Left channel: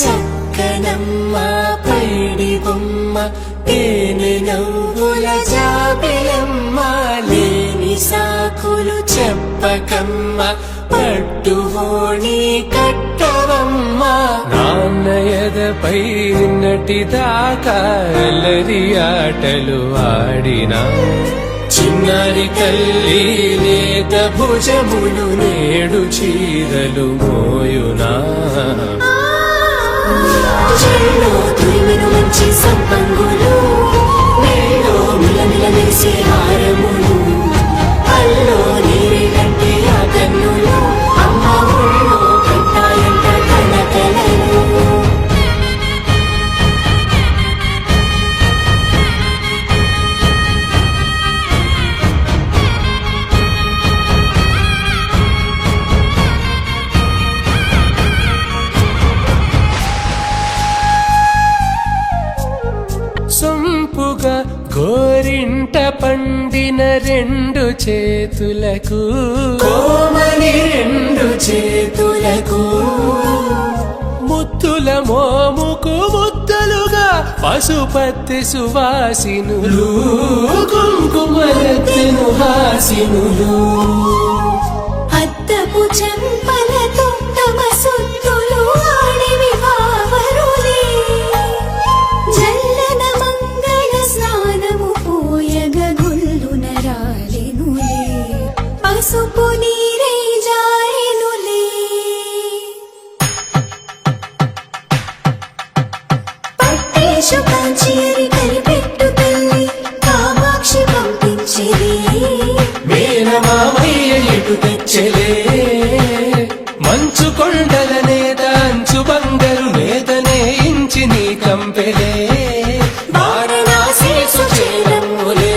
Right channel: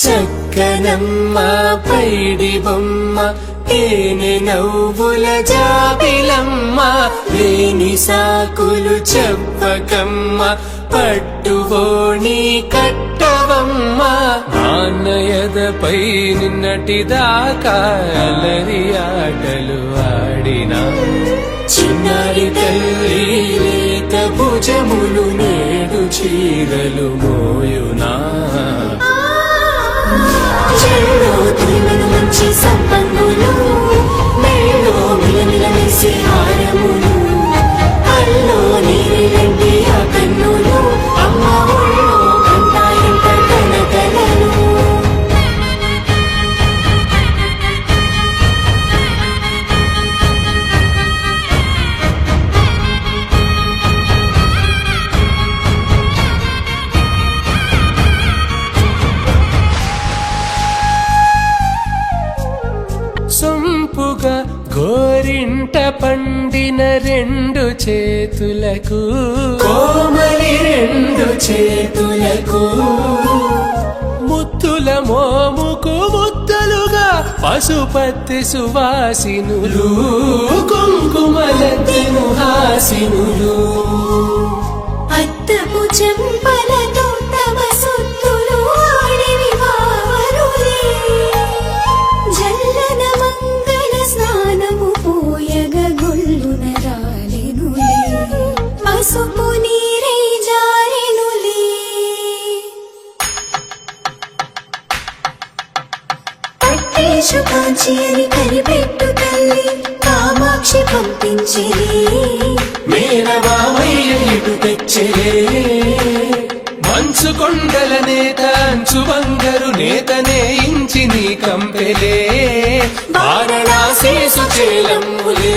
చక్కనమ్మ పైడి బొమ్మ తేనె గవ్వుల జాబిలమ్మ లేని సాకులు చెప్పకమ్మ పట్టుబోణి కట్టవమ్మ నాన్నయదపై నిన్నటిదాకా అల్లరి ఆటలు ఆడినా చిన్నారి తల్లి లేత భుజములు నేడు చీరలు మోయునా చెల్లో తురిమిన మంచి సంపంగులు మేలో మిలమిల మెరిసే హారములు అల్లో నీరేలంటే ఆ కన్నులు అమ్మ ఒళ్ళో కంటాయంట కలకలలు సొంపుగా గోరింట పండిన రెండు చేతులకు కోమలి రెండు చేతులకు ముత్తుల మోముకు ముద్దలుగా పశుపతి సువాసినులు కుంకుమలెత్తిను హాసినులు అద్దపు చెంపలతో తమ సుత్తులు ఆడివి భావరులే జల్లన మంగళ స్నానము పోయగ గుళ్ళున రాలినులే పసుపు నీరే జారినులే పట్టేశు కాంచేరి కలిపెట్టు తల్లి కామాక్షి పంపించేది మేనమామయ్య ఎటు తెచ్చలే మంచు కొండల నేత అంచు బంగారు నేతనే ఇంచి నీ కంపెలే వారణాసి సుచేలమ్ములే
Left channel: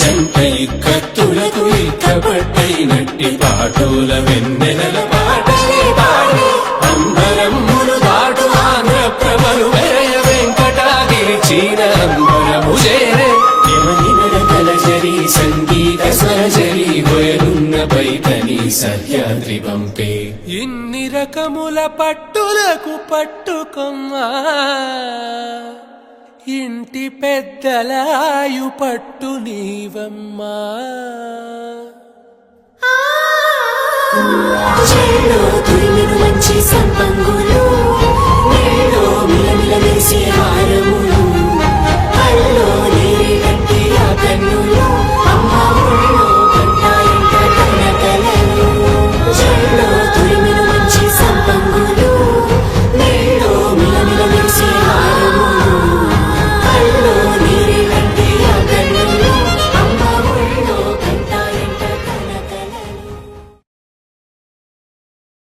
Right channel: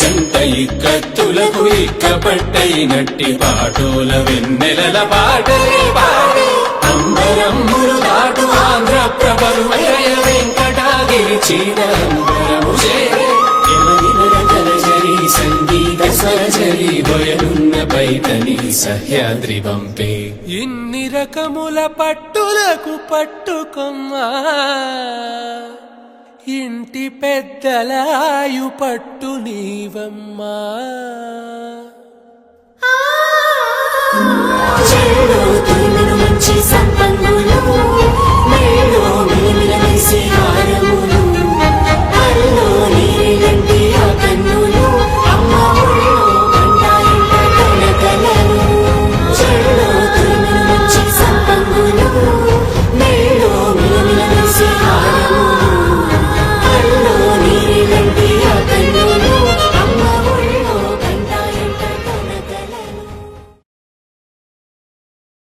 జంట ఇక్కత్తులకు ఇక్కపట్టైనట్టి పాటోల వెన్నెలల పాటలే పాడే అంబరమ్ములు దాటు ఆంధ్ర ప్రభలు వెంకటాగే చీరంబరము చేరే యమనినడతలజరి సంగీత స్వరజరి గొయలున్న బైతని సహ్యాద్రి పంపే ఇన్ని రకముల పట్టులకు పట్టుకొమ్మా ఇంటి పెద్దలాయు పట్టు నీవమ్మా చెల్లో తురిమిన మంచి సంపంగులు